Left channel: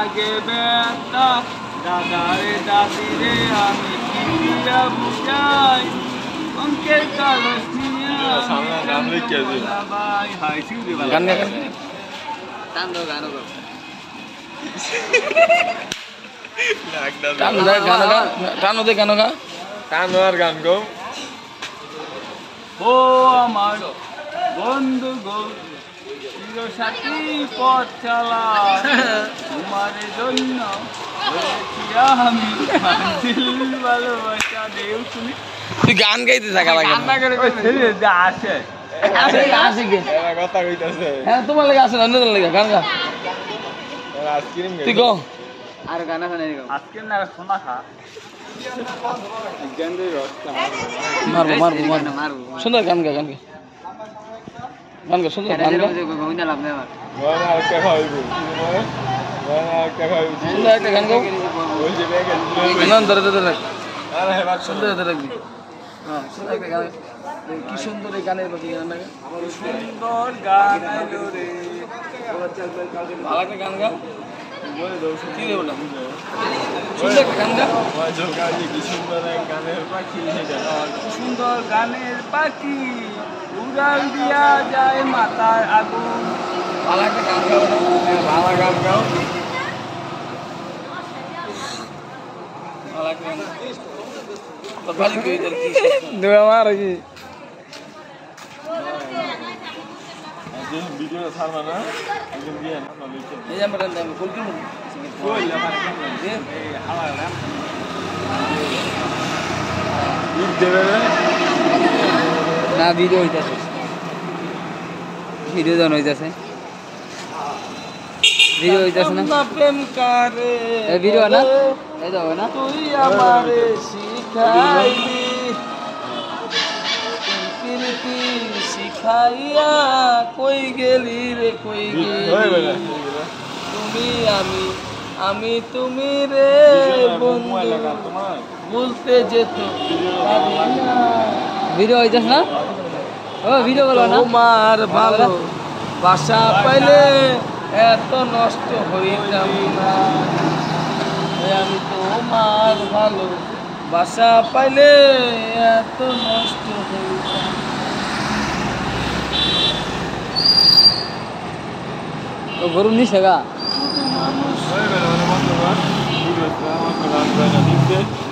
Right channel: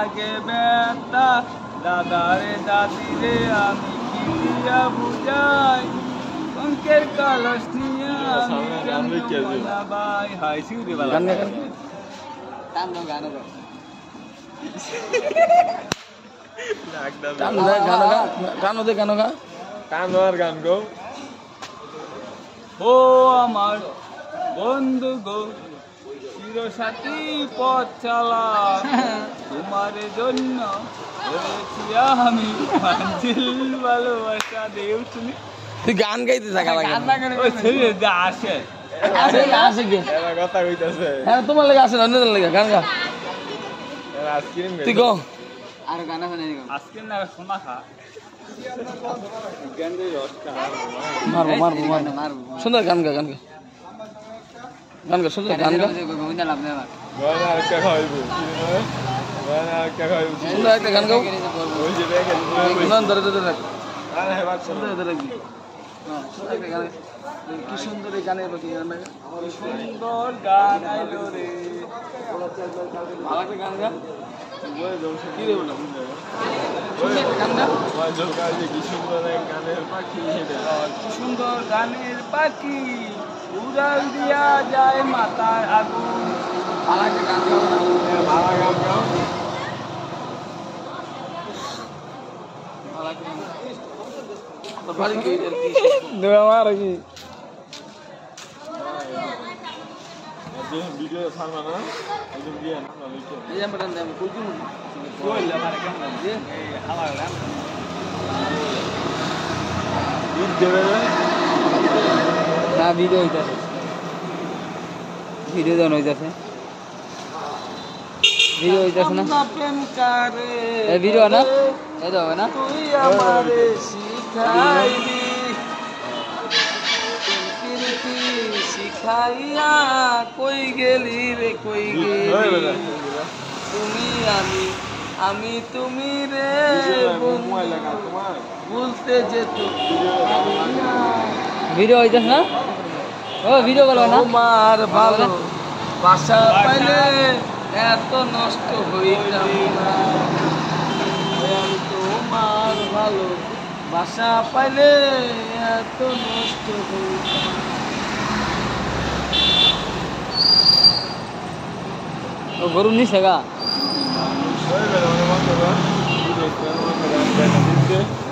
লাগে ব্যথা দাদারে দাদিরে আমি কি দিয়া বুঝাই অঙ্কের কালস নিয়ে ভাই হাই শিউরে গান গা গান গো ও আমার বন্ধু গো চিরসাথী পথ চালা তোমার জন্য হয়েছি আমি মঞ্জিল ভালোবাসা দেও তুমি তুই গান গাইতে থাকা লাগে ওই ছেলে যা আসে আসে কে কথা কইতাছে হ্যাঁ তোমার লাগে আসে না অন্যদের লাগে গান গা আইসক্রিম তুই গো আর গানা শুনে আজকে না শোনা খা মারবো মারবো মারবো সুন্দর গান গা সুন্দর গান গা গনা একটা খাইবো গনা একটা খাইবো সুন্দর একটা গান গাও ওই যে ব্যাগে না ধরে সুন্দর ধরে রাখবি হ্যাঁ সুন্দর একটা গান কি সুন্দর এই গানের প্রতি গান লাগা সুন্দর গান আইলো রে ভালো একটা গান গা কি রে বললাম সুন্দর একটা গান গা সুন্দর গানের পাখি উড়াল দিয়া যায় মাথার আগুন ভালো একটা গান গাও ভালো গান গাও ভালো একটা গান তো বাড়ি কই দের কি দেবা মার কি ভিডিও ছাড়বা না একদম দিয়ে না লিখে এই যে আমরা আমি কই কি কইলা মার কেন দে এই হাওয়া লাম ঈদ দেবে না ভিডিও হইতাছে ভিডিও জন হইতাছে না প্রেম কারে এই ভিডিও না এই দাও না তুই আমারে শিখাইলি প্রীতি শিখাইয়া কই গেলি রে কই গেলি তুমি আমি তুমি রে বন্ধু বলতে যেত ভিডিও হইতাছ না ও ভিডিও বলবা না তোমার ভালো বাসা পাইলে এত নষ্ট হইতাম না আমি তোমার ভালো বাসা পাইলে এত নষ্ট ও গরু নিছে গা ভিডিও আমার